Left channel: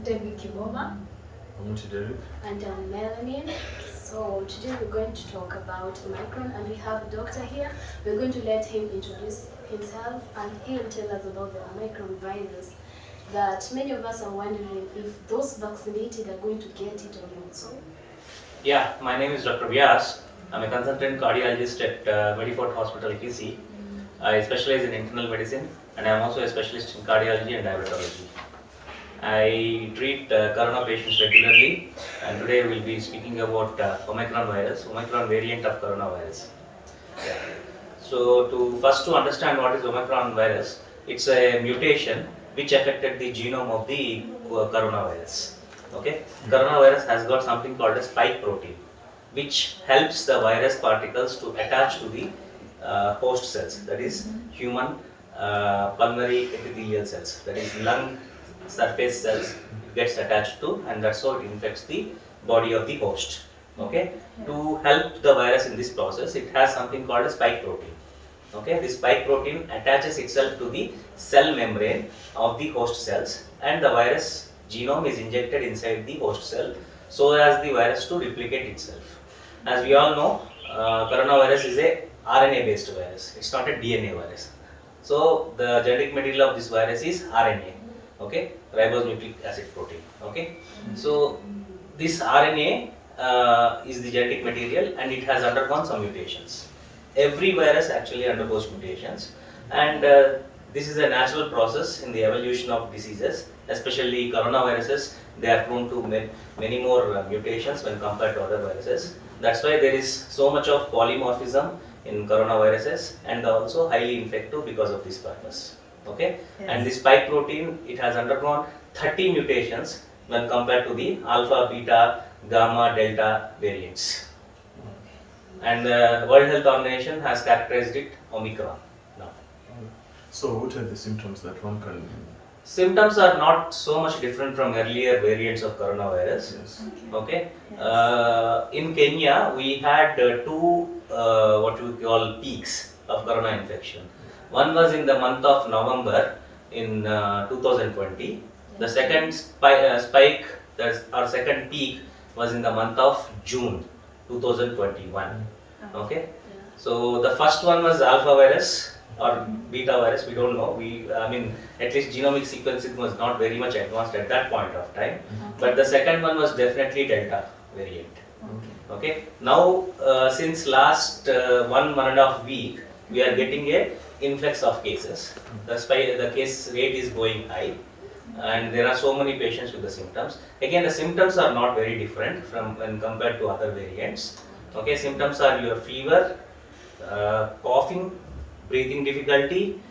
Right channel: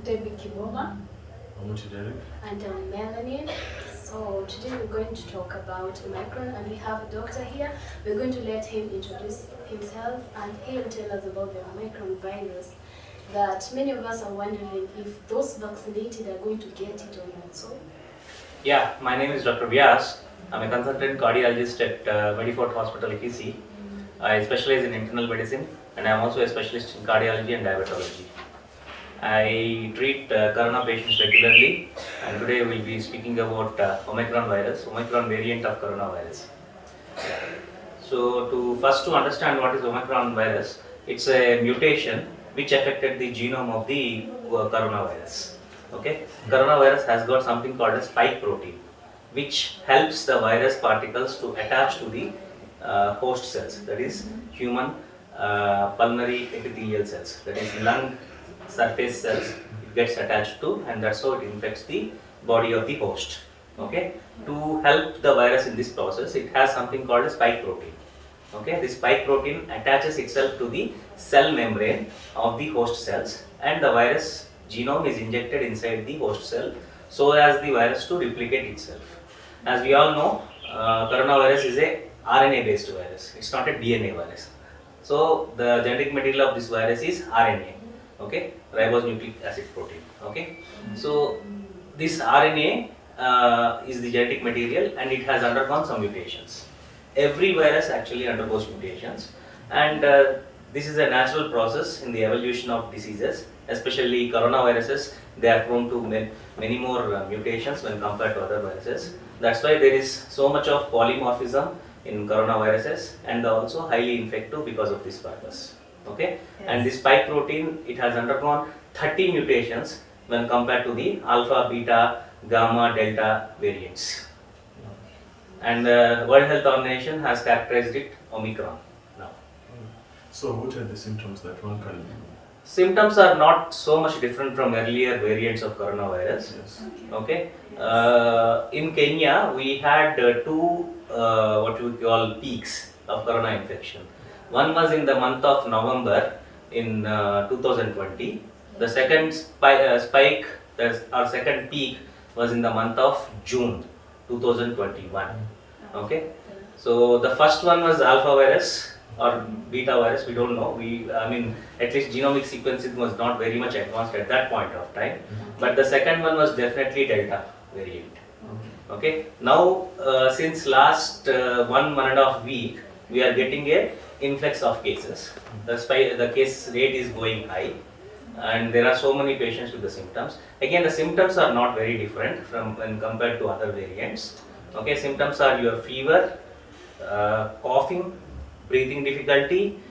Debbie Kiboma. I'm Derek. And I'm Melanie. So today we're going to talk about Omicron, and we have a doctor here. We're going to let him introduce himself, and he'll tell us about the Omicron virus that many of us are wondering if those vaccinated are going to get it or not. So Yeah, my name is Dr. Vyas. I'm a consultant cardiologist at Medifort Hospital, KC. I specialize in internal medicine and I'm also a specialist in cardiology and diabetology. I treat corona patients regularly and today we'll be speaking about Omicron virus, Omicron variant of coronavirus. Yeah. So to understand what is Omicron virus, it's a mutation which affected the genome of the coronavirus. Okay, coronavirus has got something called a spike protein, which helps the virus particles to attach to the host cells, that is human pulmonary epithelial cells, that is lung surface cells. It gets attached to, and that's how it infects the body of the host. Okay, to help the virus in this process, it has something called a spike protein. Okay, this spike protein attaches itself to the cell membrane of the host cells, and the virus genome is injected inside the host cell so as the virus to replicate itself. As we all know, coronavirus is a RNA based virus. It's not a DNA virus. So the genetic material of this virus is RNA. Okay, ribonucleic acid protein. Okay, so this RNA is the genetic material and it has undergone some mutations. Every virus actually undergoes mutations, and this is a natural process in the evolution of diseases, especially coronaviruses. They are prone to many more mutations when compared to other viruses. That's why there is so much of polymorphism in coronaviruses and also highly infective because of this purpose. Okay, yes. And this spike protein, it has undergone 30 mutations when compared to the alpha, beta, gamma, delta variants. And the World Health Organization has characterized it Omicron now. So what are the symptoms that one can... Symptoms are not so much different from earlier variants of coronavirus. Yes. Okay. In Kenya, we had two what we call peaks of corona infection. One was in the month of November in 2020. The second spike, our second peak, was in the month of June 2021. Okay. So the first one was alpha virus or beta virus, we don't know. I mean, at least genomic sequencing was not very much advanced at that point of time. But the second one was definitely delta variant. Okay. Now, since last 1.5 week, we are getting a influx of cases. That's why the case rate is going high, and there are so many patients with the symptoms. Again, the symptoms are not very different from when compared to other variants. Okay, symptoms are your fever, coughing, breathing difficulty,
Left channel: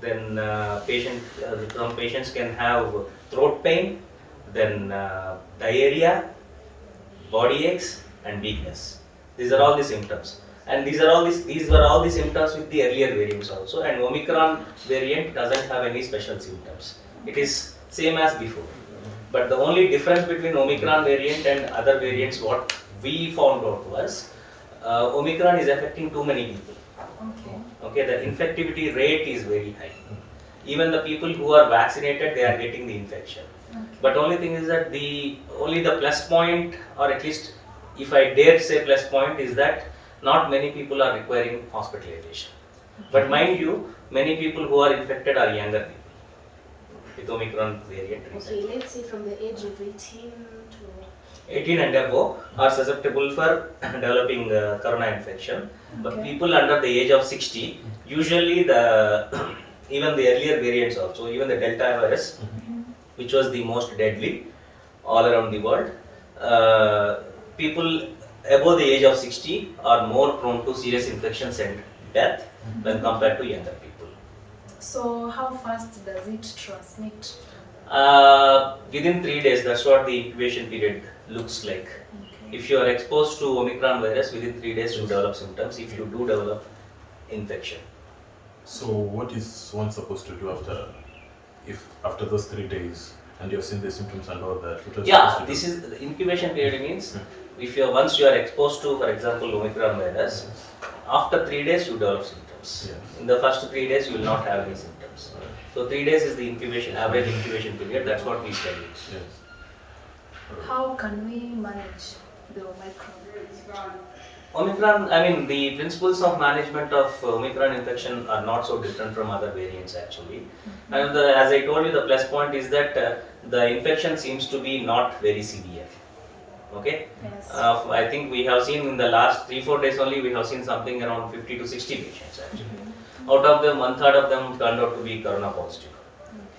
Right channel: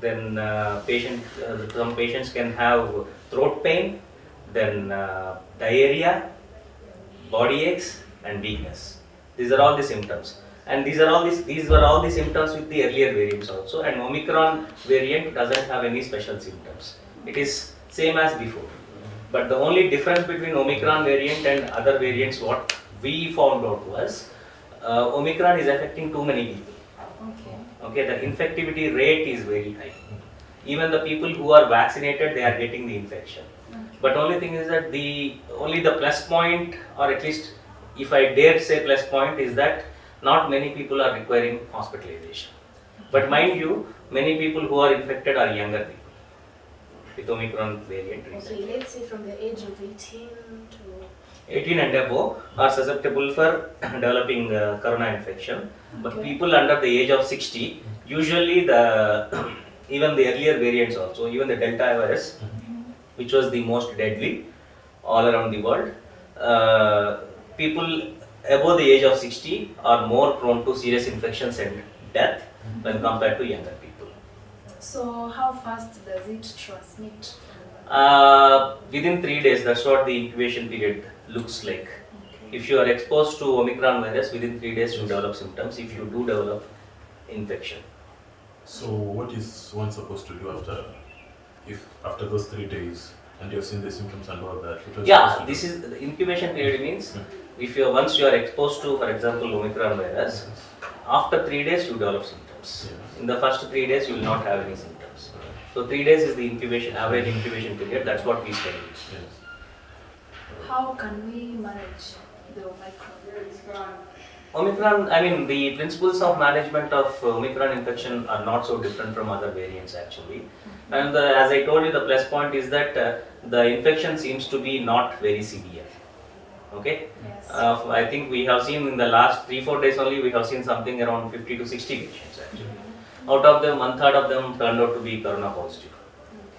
then some patients can have throat pain, then diarrhea, body aches, and weakness. These are all the symptoms, and these were all the symptoms with the earlier variants also. And Omicron variant doesn't have any special symptoms. It is same as before. But the only difference between Omicron variant and other variants, what we found out was, Omicron is affecting too many people. Okay, the infectivity rate is very high. Even the people who are vaccinated, they are getting the infection. But only thing is that only the plus point, or at least if I dare say plus point, is that not many people are requiring hospitalization. But mind you, many people who are infected are younger people with Omicron variant. Okay, let's say from the age of 18 to 18 and above are susceptible for developing corona infection. But people under the age of 60, usually even the earlier variants also, even the Delta virus, which was the most deadly all around the world, people above the age of 60 are more prone to serious infections and death when compared to younger people. So how fast does it transmit? Within 3 days, that's what the incubation period looks like. Okay. If you are exposed to Omicron virus, within 3 days you develop symptoms if you do develop infection. So what is one supposed to do after those 3 days and you've seen the symptoms and all that? This is the incubation period means once you are exposed to, for example, Omicron virus, after 3 days you develop symptoms. In the first 3 days you will not have any symptoms. So 3 days is the incubation, average incubation period. That's what we tell you. Yes. How can we manage the Omicron? Omicron, I mean, the principles of management of Omicron infection are not so different from other variants actually. And as I told you, the plus point is that the infection seems to be not very severe. Okay? Yes. I think we have seen in the last 3-4 days only, we have seen something around 50 to 60 patients actually. Out of them, 1/3 of them turned out to be corona positive.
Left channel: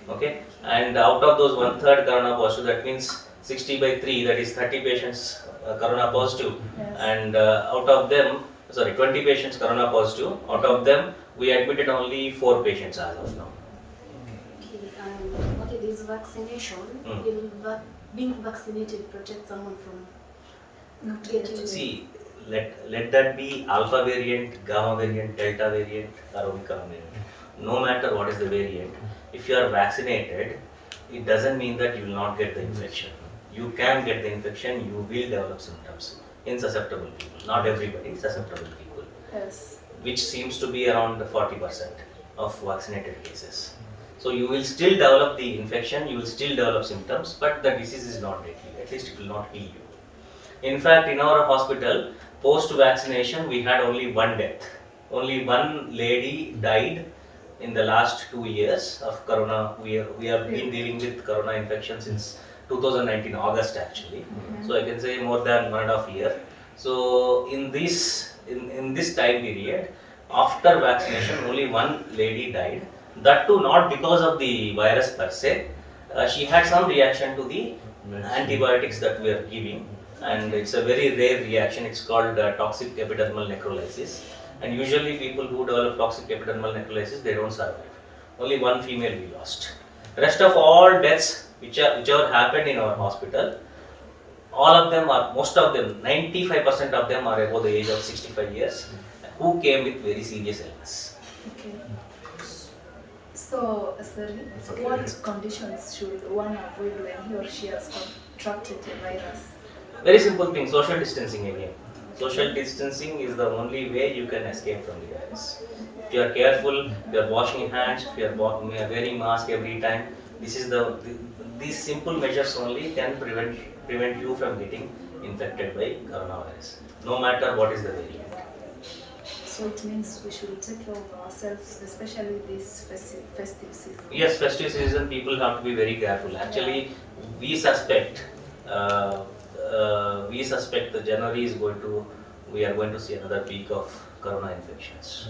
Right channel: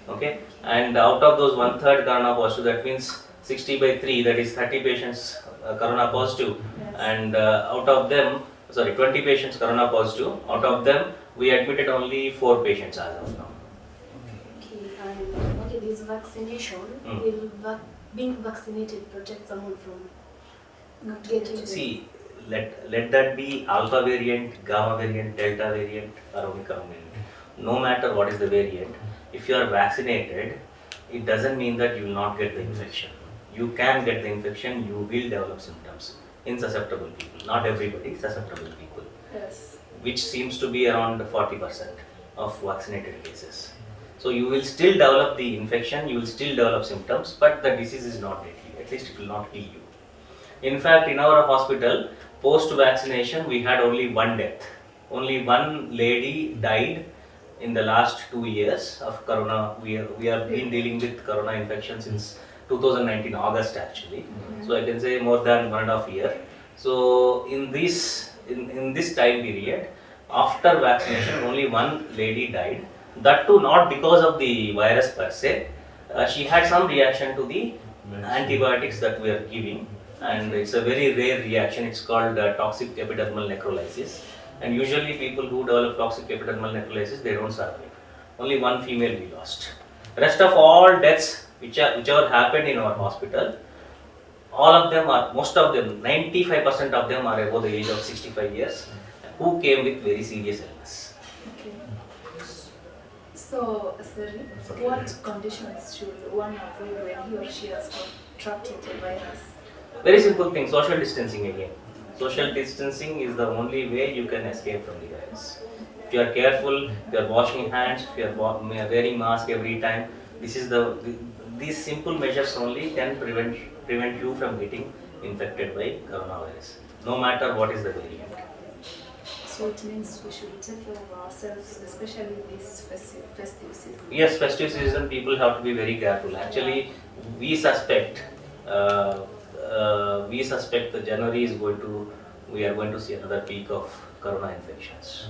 Okay? And out of those 1/3 corona positive, that means 60 by 3, that is 30 patients corona positive. Yes. And out of them, 20 patients corona positive. Out of them, we admitted only 4 patients as of now. Okay, and okay, this vaccination will being vaccinated protect someone from Not getting See, let that be alpha variant, gamma variant, delta variant, or omicron variant. No matter what is the variant, if you are vaccinated, it doesn't mean that you will not get the infection. You can get the infection, you will develop symptoms in susceptible people. Not everybody, susceptible people, Yes. which seems to be around 40% of vaccinated cases. So you will still develop the infection, you will still develop symptoms, but the disease is not deadly. At least it will not kill you. In fact, in our hospital, post-vaccination, we had only one death. Only one lady died in the last 2 years of corona. We have been dealing with corona infection since 2019 August actually. So I can say more than 1.5 years. So in this time period, after vaccination, only one lady died. That too not because of the virus per se. She had some reaction to the antibiotics that we are giving, and it's a very rare reaction. It's called toxic epidermal necrolysis, and usually people who develop toxic epidermal necrolysis, they don't survive. Only one female we lost. Rest of all deaths whichever happened in our hospital, all of them are, most of them, 95% of them are above the age of 65 years, who came with very serious illness. Okay. So, sorry, Okay. what conditions should one avoid when he or she has contracted the virus? Very simple thing, social distancing again. Social distancing is the only way you can escape from the virus. If you are careful, if you are washing hands, if you are wearing mask every time, these simple measures only can prevent you from getting infected by coronavirus, no matter what is the variant. So it means we should take care of ourselves, especially this festive season. Yes, festive season, people have to be very careful. Actually, we suspect the January is we are going to see another peak of corona infections.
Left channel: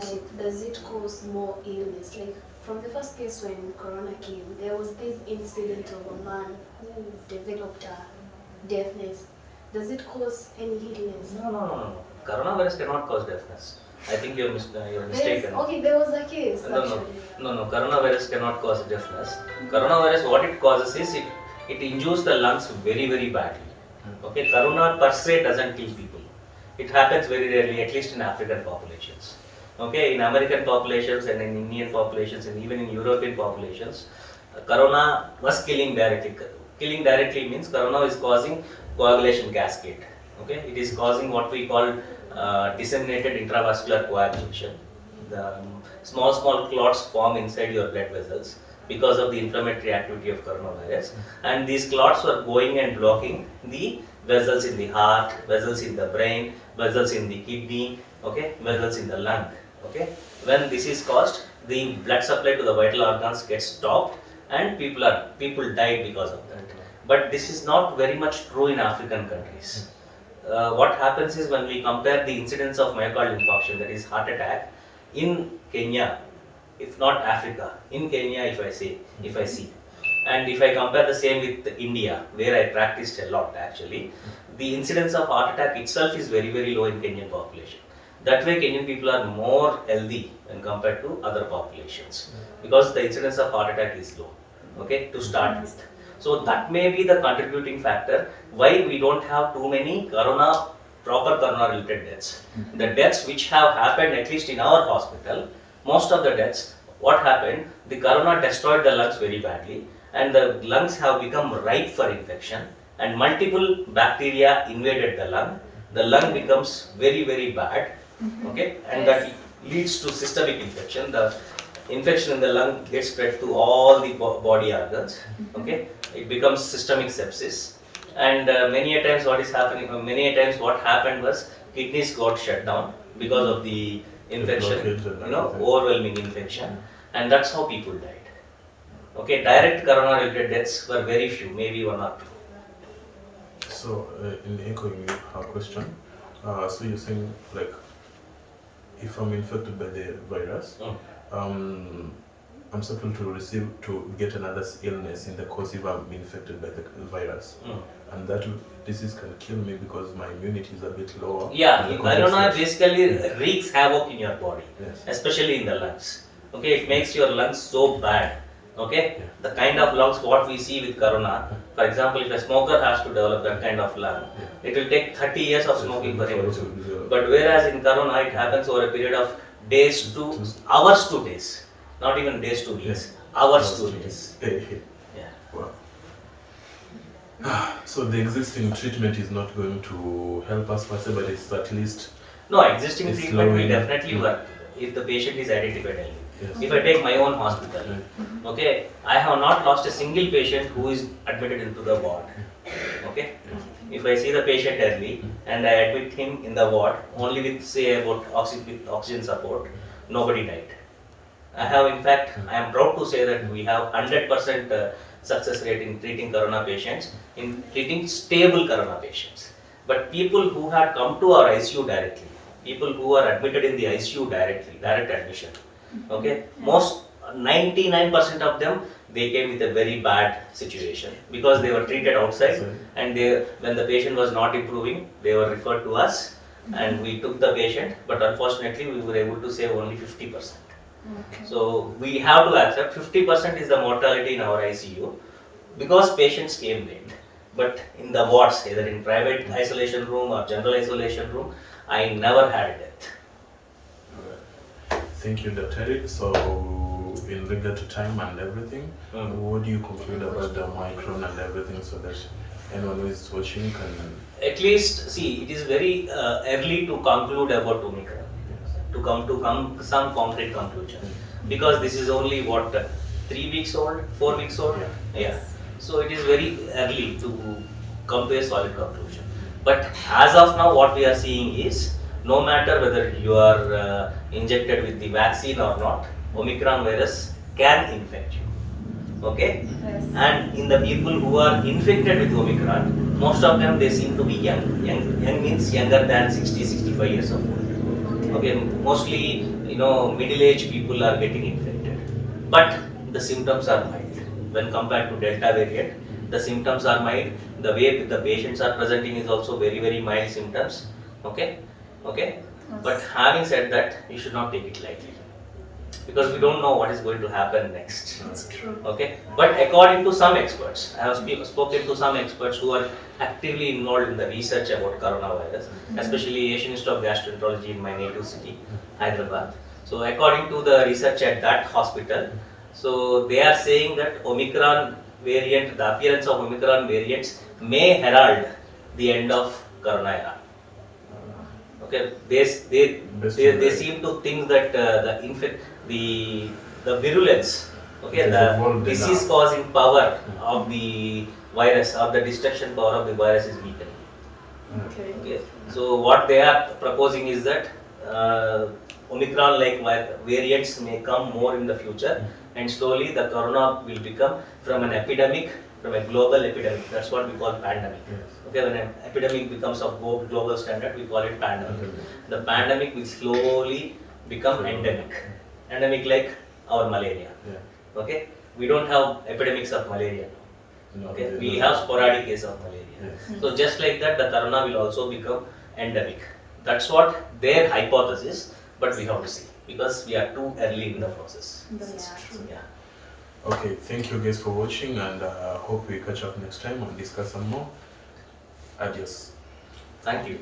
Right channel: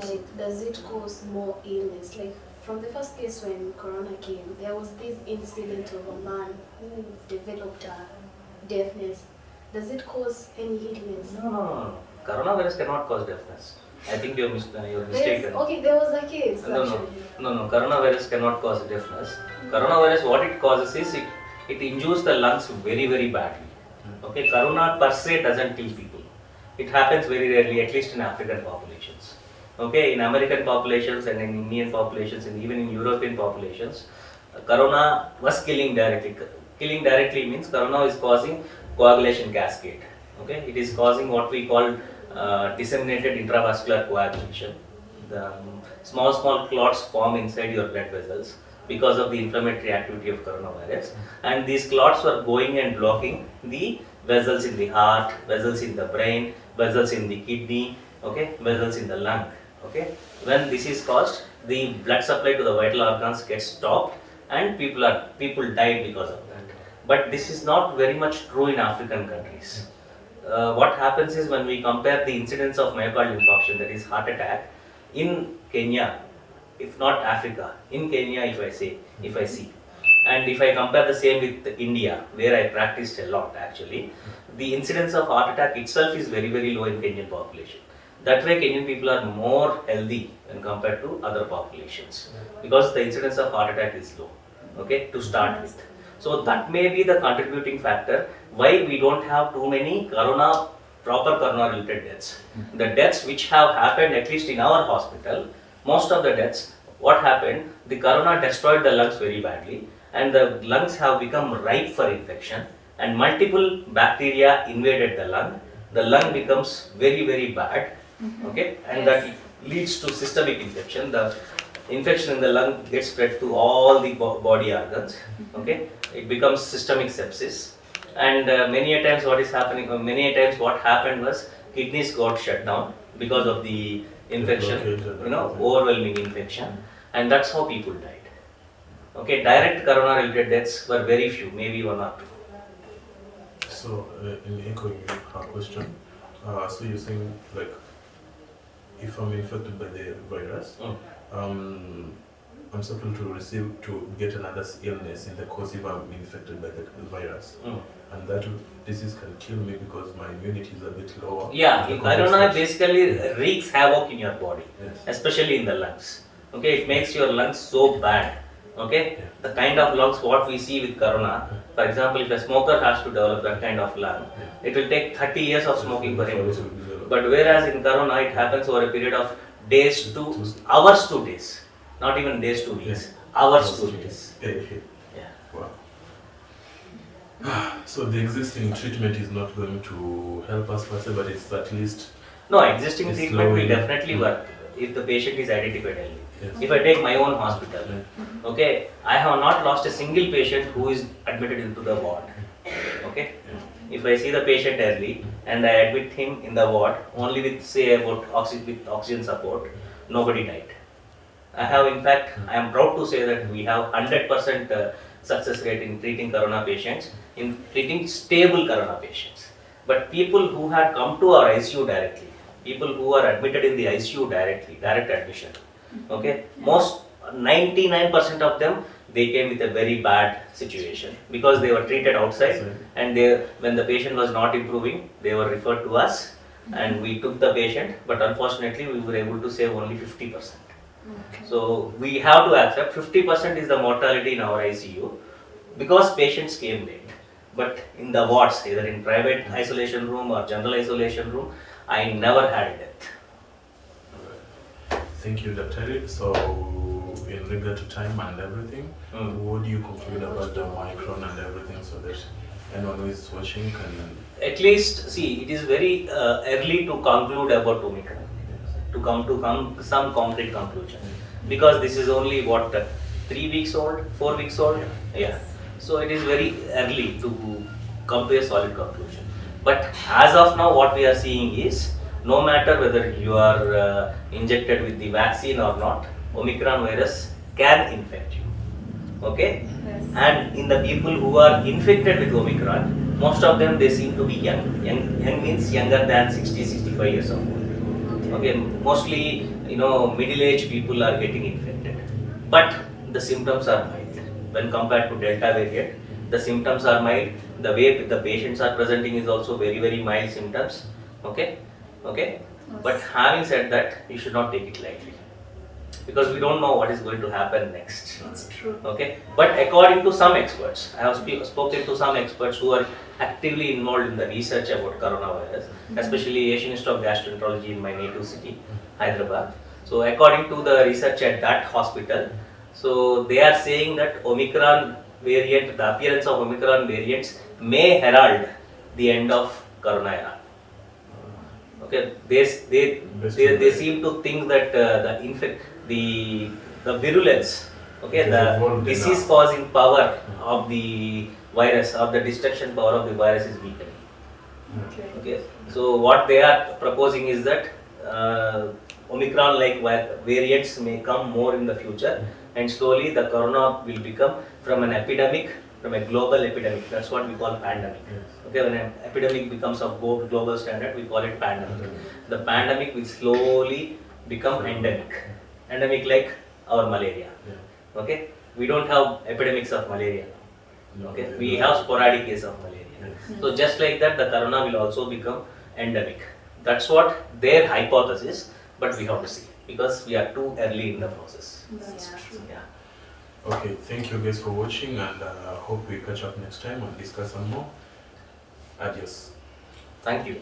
like, does it cause more illness? Like, from the first case when corona came, there was this incident of a man who developed a deafness. Does it cause any illness? No. Coronavirus cannot cause deafness. I think you're mistaken. Okay, there was a case actually. No. Coronavirus cannot cause deafness. Coronavirus, what it causes is it injures the lungs very, very badly. Okay, corona per se doesn't kill people. It happens very rarely, at least in African populations. Okay, in American populations and in Indian populations and even in European populations, corona was killing directly. Killing directly means corona is causing coagulation cascade. Okay, it is causing what we call disseminated intravascular coagulation. The small clots form inside your blood vessels because of the inflammatory activity of coronavirus, and these clots were going and blocking the vessels in the heart, vessels in the brain, vessels in the kidney, okay, vessels in the lung. Okay, when this is caused, the blood supply to the vital organs gets stopped, and people died because of that. But this is not very much true in African countries. What happens is when we compare the incidence of myocardial infarction, that is heart attack, in Kenya, if not Africa, in Kenya if I see, and if I compare the same with India, where I practiced a lot actually, the incidence of heart attack itself is very, very low in Kenyan population. That way Kenyan people are more healthy when compared to other populations, because the incidence of heart attack is low, okay, to start with. So that may be the contributing factor why we don't have too many proper corona related deaths. The deaths which have happened, at least in our hospital, most of the deaths, what happened, the corona destroyed the lungs very badly, and the lungs have become ripe for infection, and multiple bacteria invaded the lung becomes very, very bad, okay, and that leads to systemic infection. infection in the lung gets spread to all the body organs. Okay, it becomes systemic sepsis, and many a times what is happening, many a times what happened was kidneys got shut down because of the infection, blockage and you know, everything. overwhelming infection, and that's how people died. Okay, direct corona-related deaths were very few, maybe 1 or 2. So, in echoing her question, so you're saying, like, if I'm infected by the virus, I'm supposed to get another illness in the course if I'm infected by the virus, and that disease can kill me because my immunity is a bit lower. Yeah, in the corona context basically wreaks havoc in your body, Yes. especially in the lungs. Okay, it makes your lungs so bad. Okay, Yeah. the kind of lungs what we see with corona, for example, if a smoker has to develop that kind of lung, it will take 30 years of smoking for him to do. But whereas in corona, it happens over a period of days to hours to days, not even days to weeks, hours to days. Yeah. Wow. So the existing treatment is not going to help us per se, but it's at least No, existing It's treatment will slowing. definitely work if the patient is identified early. Yes. If I take my own hospital, okay, I have not lost a single patient who is admitted into the ward. Okay, if I see the patient early and I admit him in the ward only with say about oxygen support, nobody died. I have, in fact, I am proud to say that we have 100% success rate in treating corona patients, in treating stable corona patients. But people who had come to our ICU directly, people who are admitted in the ICU directly, direct admission, okay, most 99% of them, they came with a very bad situation because they were treated outside, and when the patient was not improving, they were referred to us and we took the patient, but unfortunately we were able to save only 50%. Okay. So we have to accept 50% is the mortality in our ICU because patients came late. But in the wards, either in private isolation room or general isolation room, I never had a death. Thank you, Dr. So, in regard to time and everything, what do you conclude about the Omicron and everything so that anyone who is watching can... At least, see, it is very early to conclude about Omicron, to come to some concrete conclusion. Because this is only, what, 3 weeks old, 4 weeks old? Yeah. So it is very early to come to a solid conclusion. But as of now, what we are seeing is, no matter whether you are injected with the vaccine or not, Omicron virus can infect you. Okay? Yes. And in the people who are infected with Omicron, most of them, they seem to be young. Young means younger than 60-65 years of old. Okay, mostly, middle-aged people are getting infected. But the symptoms are mild. When compared to Delta variant, the symptoms are mild. The way the patients are presenting is also very, very mild symptoms. Okay? But having said that, you should not take it lightly. Because we don't know what is going to happen next. It's true. Okay? But according to some experts, I have spoken to some experts who are actively involved in the research about coronavirus, especially Asian Institute of Gastroenterology in my native city, Hyderabad. So according to the research at that hospital, so they are saying that Omicron variant, the appearance of Omicron variants may herald the end of corona era. Okay, they seem to think that the virulence, okay, the disease causing power of the virus or the destruction power of the virus is weakening. Okay. So what they are proposing is that Omicron like variants may come more in the future, and slowly the corona will become from an epidemic, from a global epidemic. That's what we call pandemic. Okay, when an epidemic becomes of global standard, we call it pandemic. The pandemic will slowly become endemic. Endemic like our malaria. Okay, we don't have epidemics of malaria now. Okay, we have sporadic cases of malaria. So just like that, the corona will also become endemic. That's what their hypothesis, but we have to see because we are too early in the process. That's true. Yeah. Okay, thank you guys for watching, and hope we catch up next time and discuss some more. Adios. Thank you.